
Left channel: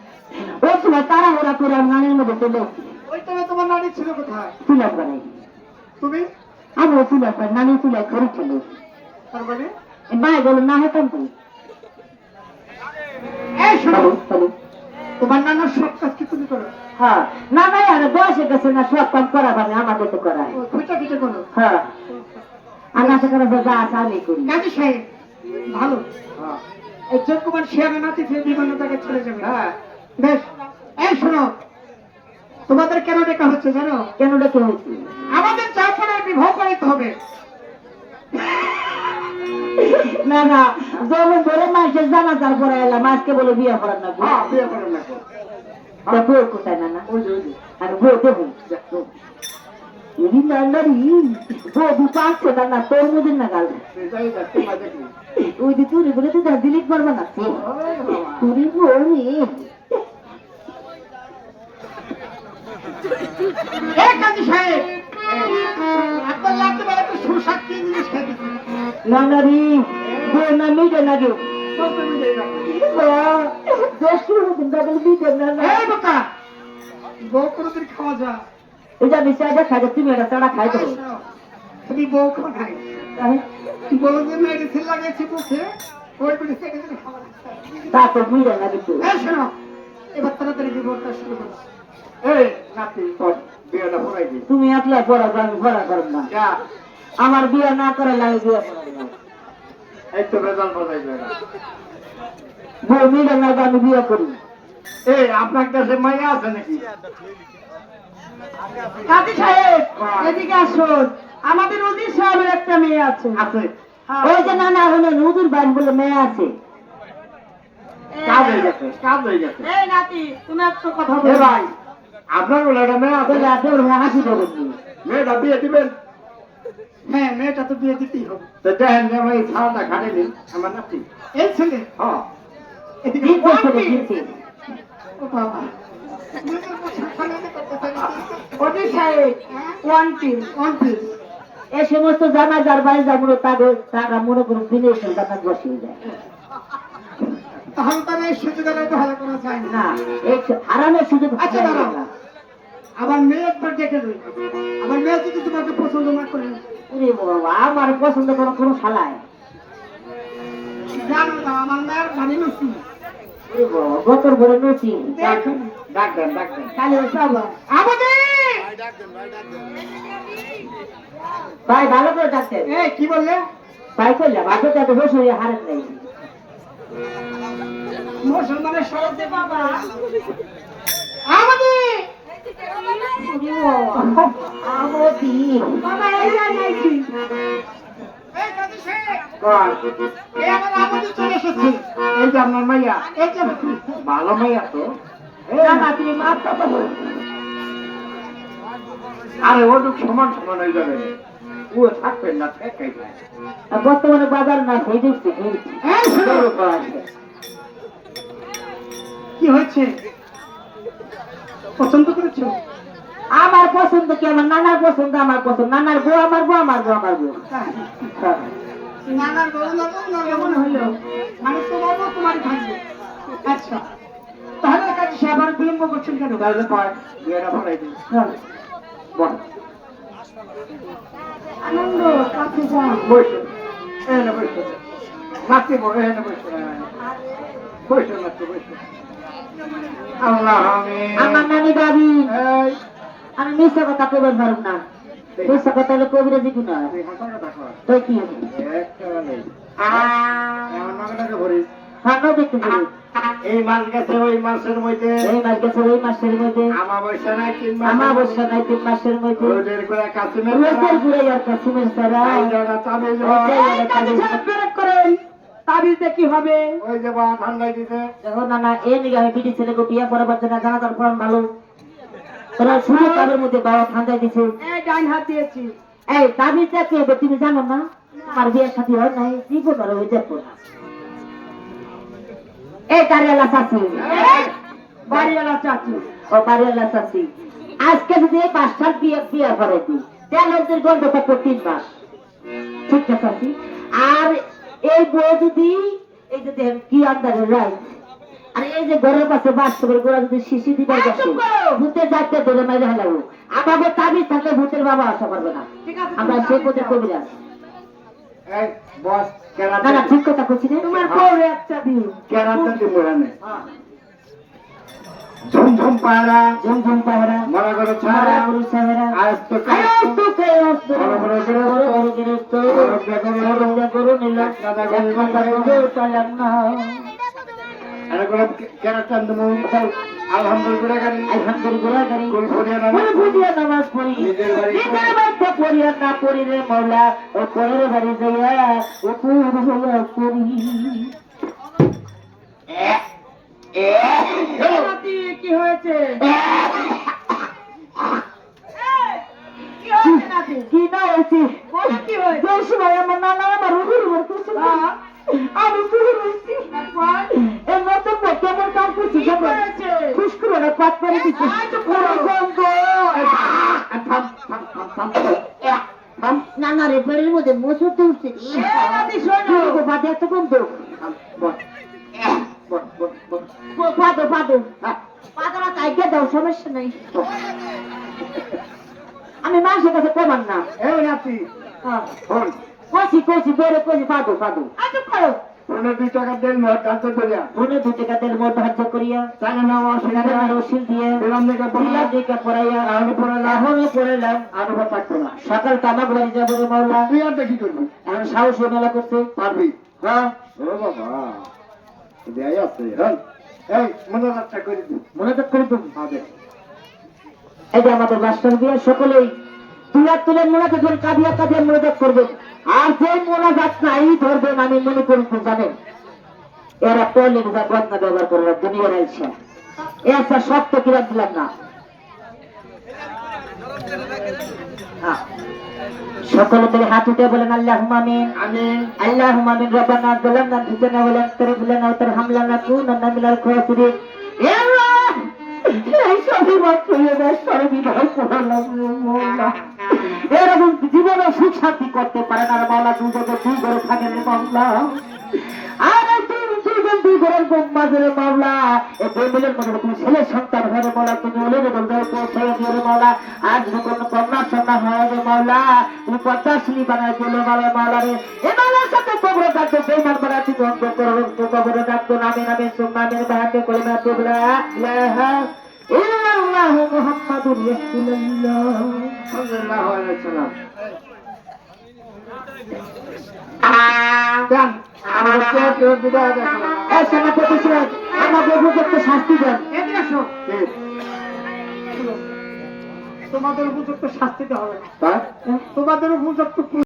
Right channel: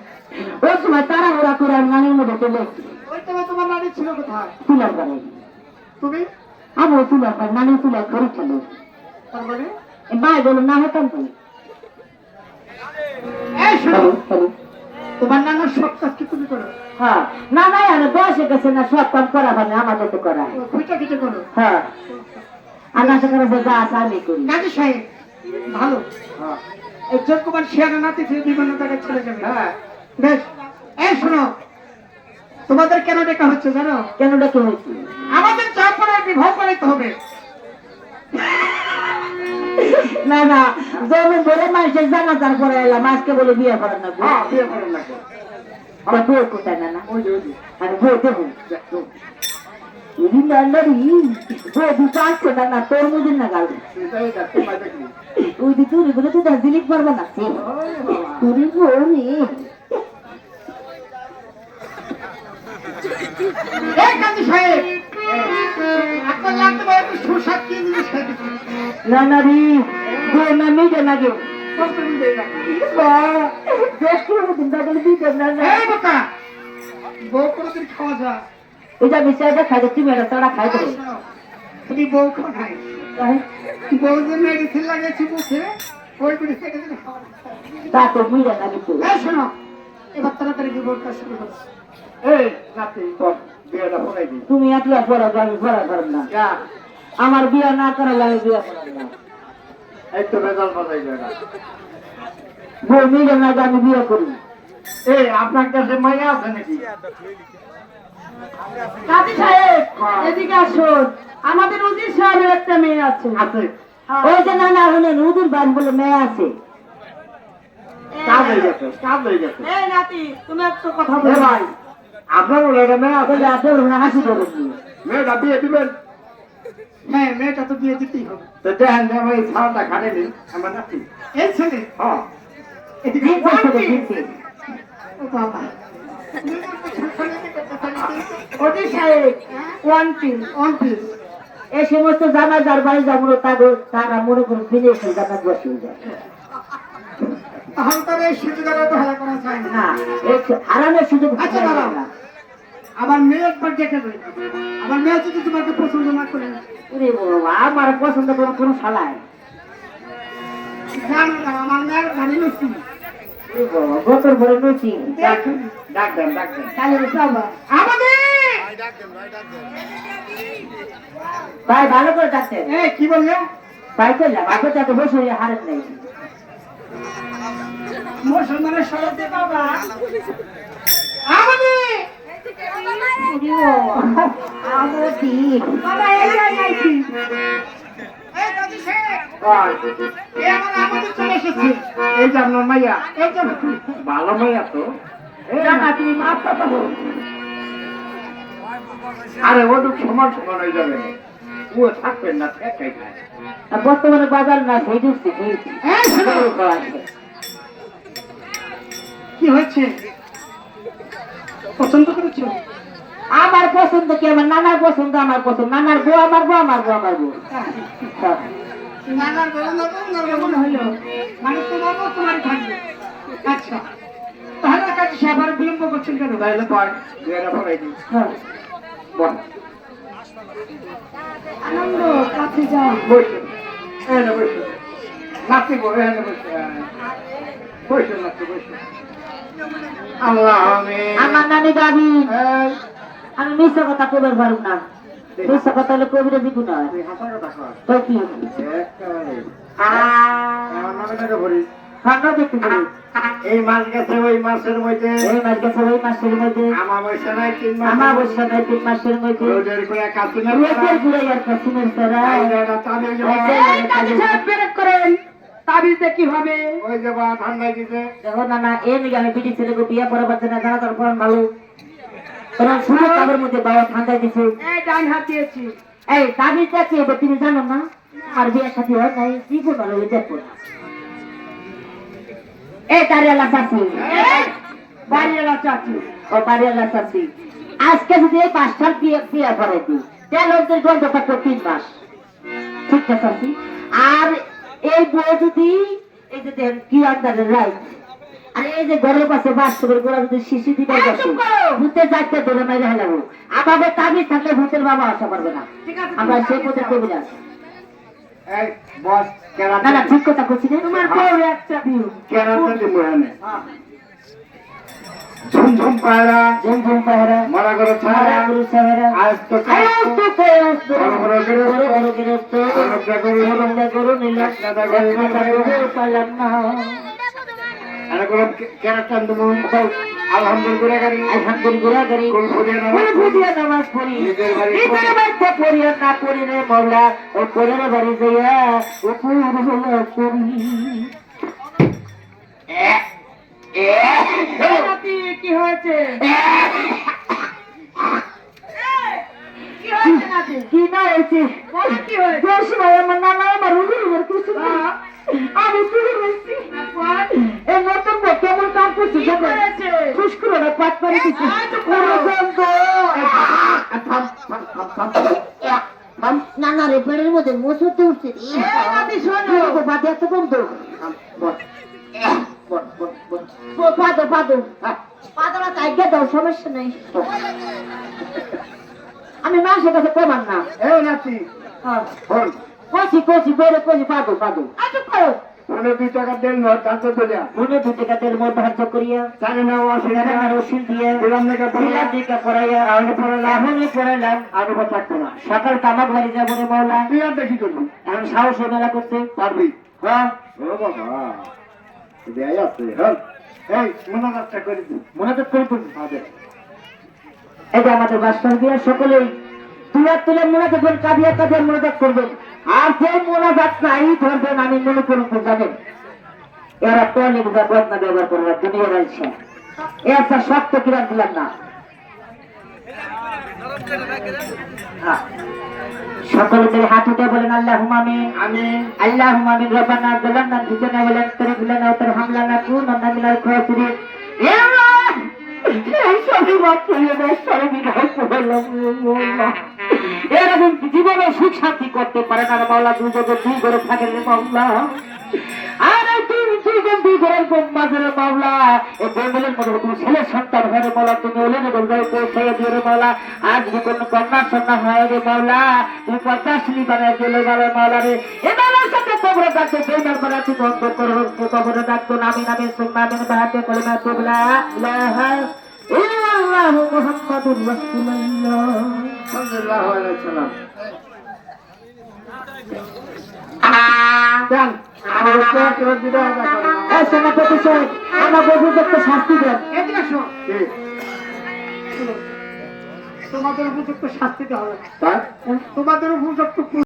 ওই সময় তাড়াহুড়া করে আমার নানির মধ্যে চলে এসেছি ওই তবে তোমার নানি ছিল কোথায়? তুলার বাড়ি তুমি আমিও তুলার বাড়ি নানি তুলার ঘরে ছিল তার মানে ভাই বলো না হতাম তো এই শোনো, হ্যালো হ্যালো তোমার নানার সব কাজ কি তুমি করো? হ্যাঁ না ভাই আর বয়সে গেছে না সব কাম করা মানে আমাদের তো করা ও পিঠা পিঠে করো। হ্যাঁ আর নাচা করা যা আছে আমি করি কাজী সাহেব ভালো, হ্যাঁ, এই চোখকুমার শিয়ানা নাতি থেকে বিভিন্ন জায়গায় চলে যাবে। হ্যাঁ, বেশ, এই শোনো, তোমাদের কেন ডেকা হচ্ছে জানো? কেন ডেকে হয়েছি আমাদের চাপড়ায় বিবাহ করাইতে হবে। না না যেমন বড় মাসের জানা তারপরে এলাম আজকে বলে বিয়ে করার না হ্যাঁ, বিয়ে করেন না কেন? বউ কোথায় না না ওই যে, ওই যে। আর বউ দেবো বউ দুটো আসছে না না তোর মুদির না গাল সেটাই দেখতে পাই দেখলি। ওই যে তুই বলে তো দার্জিলিং পারবা না তুই বলি এই কাজী সাহেব আপনার লাগতে পারে একটু সুস্বাদ কি জিনিস খেতে না না রে গো না মেয়ে না গেও এই বোকা বউ কোনোদিন খাওয়া যায় এটা মিশাইটা খাই তুমি এটা তারা খাই দেবো তুমি বউ খাই বউ যে মেডিসিন লাগিয়েছি মুখে ওই মেডিসিন খাওয়া তা তো মিলে না কিন্তু এই শোনো এবার তাড়াতাড়ি বিবরটা শুরু করো এই নাতি তোর বিয়েটা পড়াই দিই তুমি আপনি পড়া আমি পড়া করব না যা আমার বিয়ে না করা লাগে বিয়ে করা না এই তো বেজাল পড়াই যাবে বউ মিলে না আমি বিয়ে করি এই আপনার কাছে মাইয়া আছে নাকি কাজী সাহেব এদিকে আসুন আমাদের উজির সাহেবের একটা মেয়ে আছে আছে ওই যে না না হলে নদীর বান বলে মেয়ে আছে কাজ হয়ে গেছে কাজ হয়ে গেছে এই নাতি তুমি একটু কথা এ ভাই আপনার বলে এটা মেয়ে আছে বলে আপনার হাসি করে মেয়েটা বিয়ে দিবেন হ্যাঁ মেয়েটা তো বিয়ে দিতেই হবে তো দেখেন যে আমি এই ছাড়টা খাটে দিন আমার নাতি এই ছেলে হ্যাঁ এদিকে দিচ্ছে ও বাবা উজির সাহেব ওয়ান পিস এই সমস্ত জানা যার বাড়ি যাবো তাদের তারা মনে করে দিলে এসে জানা বসে যায় তাহলে তার এই সুযোগ আর ভালো করা যায় না না এই আরামের সুযোগ আচ্ছা দাঁড়াও আমার মেয়ে একবার দেখে দেবে আমার মেয়ে যদি তোমাকে পছন্দ না করে ওরে বাবা আমার পছন্দ করার কোনো শালায় জানো না আমার মেয়ের গাড়ি নসি ওরে বাবা গতর ভরে নচি ডাক দেন ডাক দেন কালে চাবা আমাদের ভাই ভালো করে ডাকতেন এই কি বললে ভাই করলাম আগে তো এত বসে হারত নেই মুসলমানের সরতে বাবা আমাদের আমার কি বাবা এই যাইছি এই কাজী সাহেব এই আমার আমাদের চলে এসেছে এই যে আপনার মাইয়া এই যে ভালো মাইয়া তো না না তুমি মাফ করতে বল আরে ওটুক সমান সমান হয়ে যাবে ও থাকবেন না ফেকাই যায় বর্তমানে বাজার না সেই দিচ্ছি এই শোনো কি হয়েছে পছন্দ করেছো আমার পছন্দ কি আমার নানার পছন্দ আমার পছন্দ নানার বউ আমার বউ আমার বউ আমার বউ নানার বউ মনে হলো মানে তোমার বউ তোমার থাকবে আচ্ছা তাহলে কাজী সাহেব আর বিলম্ব করছেন কেন তাহলে পার্ট বিয়েটা পড়াই দিই হ্যাঁ বল আনন্দ কাছে যাও বসে হ্যাঁ না বসে নাতি বলে হ্যাঁ না বসে বসে নাতি বসে আল্লাহ আমার নানি দাবি এই আমি মিথ্যা কথা কইবার পারব না মিথ্যা কথা হলে কবিরা দিব না তুই হাসা কথা কর তো কি একটা নেই আমার নামটাকে ভরিস খানো দেখতে পারি এই মাছ গেছে ওই মাছের মধ্যে এই মাস গেছে ওই মাসের মধ্যে আমার বৈশা নাই 3 মাস আমার বর্ষা নাই 3 মাসের মধ্যে রোদের করে কাছে না রোদের ঘুরে আর কাছিমের সারা তাবিজে কি হবে ওই যে বা ঠান্ডা দিতে দেখো না না এই নিয়ে আমি বিটি ছেলেকে বিয়ে করা পারছে না জানা তার ফোন ভালো তোরা শুনে তাদের মধ্যে বাবা ঠান্ডা দিছে এই ডান হাত দিয়েছি এই তাবিজটা কি হবে তুমি জানো না আমার বিয়ের সাথে হয় নাই জীবন ভালো হয়ে যাবো এই কারিয়ালা চাচি বাড়িওয়ালা চাচি ও কারিয়ালা চাচি আজকে যদি এই 5 সাল বিয়ে করে দিই তাহলে ওদের গন্ধ থাকবে 3 মাস ঠিক আছে চাচি আর এই বউ যদি এই যে দেখেন কি আন্দাজের রাইট আর এই যে ঘরের পাশে বাস করে গোড়া যদি শিশি দিবে ভূতের যাইতে ধরে মেরে হেলাবো আমাদের তাবিজ থাকলে ভূতের বাবা আশা করবে না আমরা সে পথে কবিরাজ এই বস কেরা না না ঠিক কথা বলছি রে তোমার বউ একটা দিও কেরাতে দিব এনে ঝুমঝুম পায়রা ঝুমঝুম পায়রা মরা করে সারা ছাড়া গুরু সারা আজ তো আরে তো কেয়স বড় বড় গৃহস্থ, বড় বড় গৃহস্থ রঙ্গা করু নীলাশ দাদা গরু পালাম না আরে কোন কেরাতে আনবো আলহামদুলিল্লাহ গাড়ি আলহামদুলিল্লাহ গাড়ি কোন ফুদিয়া না ফুল ফুদিয়া নামাজ পড়ি নিজের বাড়ি নিজের বাড়িতে পড়ি আর না পড়ি রে মৌলা ওই পরের বাড়ি যাইয়া ও পুরো পড়ি নাতি কি হয়েছে কি না হয়েছে কি হয়েছে যে সময় আমার নানা আমার রুগুর কিছু করে দিচ্ছে নানারে পেড়ের মধ্যে মোচর তো উঠছে বাদে এত বন্ধ পাদো পাদো পাদোটা চাইকে দাও সমস্যা নেই আমি মানুষের কাছে কমান না এই নাতি কষি কষি বেড়ে কষি পাদো পাদো আচ্ছা পারো 2 টাকা দেন নোট কাছে দিলে মনে 2 টাকা তেল মত ধার্য করিয়া জানে না ওয়াসি টাকা রসিদ দিয়ে দিলাম দেখা দিলাম দেখা পড়াইয়া আমি পড়ালাম আমি পড়াইলাম আমি থাকতো না সকাল কামাক বাড়ি যাবো রে মাওলা তুই আর দেখি করবি এখন সাহস মেলা করতে পারবি হ্যাঁ ও বাবা দেয় আছে হ্যাঁ এই মনোজাতটা করে দিই মনে তো করে তুমি এই যে আমাদের বাস্তব দিয়ে সকলেই তুলে মনে করে কাঁদিয়া কাঁদিয়া মনোজাত করবেন আর যে মনোজাত নাই ধরবেন আমি মনে করুন জানেন এরা টয়লেট যা বদনা ব্যবহার করে দুনিয়ার আইসা একটা শক্ত কিরাম দিলাম না সকলে মিলে হাত উঠে বলেন আল্লাহুম্মা আমিন আমিন আল্লাহুম্মা আমিন রব্বানা যালামনা আনফুসানা ওয়া লা তাগফির লানা ওয়া তারহামনা লানাকুনান্না মিনাল খাসিরিন ইয়া আল্লাহ এই সবই মাত্র এবার সর্ববিধান করলাম আল্লাহ এরকম জীবনে সুখ শান্তি করতে পারে না মাওলা তুই যদি তুই করে থাকে রে মাওলা আরে তুই দুই ঘরের মাঝের মাওলা এই বেমিলের মধ্যে তুমি ছেলে সন্তান হয় রে মাওলা তুমি ওলে রে বলবে পৌঁছে দিয়ে রে মাওলা আজ যদি কোনো কন্যা সন্তান হয় রে মাওলা তুমি 50 বানায় দিলে মাওলা রে এ মাওলার সাথে কবরে ডাকতে বেইমান বানায় তুই বন্ধ করো তো কবরে ডাকতো নামে নামে সুন্নাহ নামে বাহাতে কলমা তুবলা ইলাহা ইল্লাল্লাহু মুহাম্মাদুর রাসূলুল্লাহ সাল্লাল্লাহু আলাইহি ওয়াসাল্লাম জান আমাকে তোর বিদায় দেখো এই সেনাপতি সাহেব আমার উপযুক্ত শাস্তি দেন এদিকে আসো ঠিক তোমাদের উপযুক্ত শাস্তি দেওয়া হবে তাই তোমাদের উপযুক্ত